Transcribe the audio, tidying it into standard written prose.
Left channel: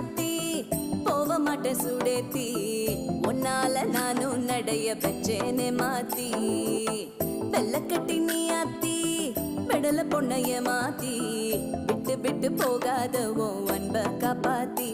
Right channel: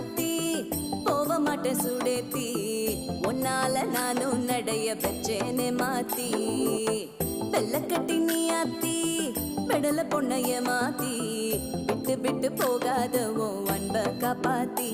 ஆத்தி போக மாட்டேன் சுடேத்தி உன்னால நானும் நடைய பெற்றேனே மாத்தி வெள்ளக்கட்டி நீ ஆத்தி பெடல பொண்ணைய மாத்தி விட்டு விட்டு போகாத உன் அன்ப காப்பாத்தி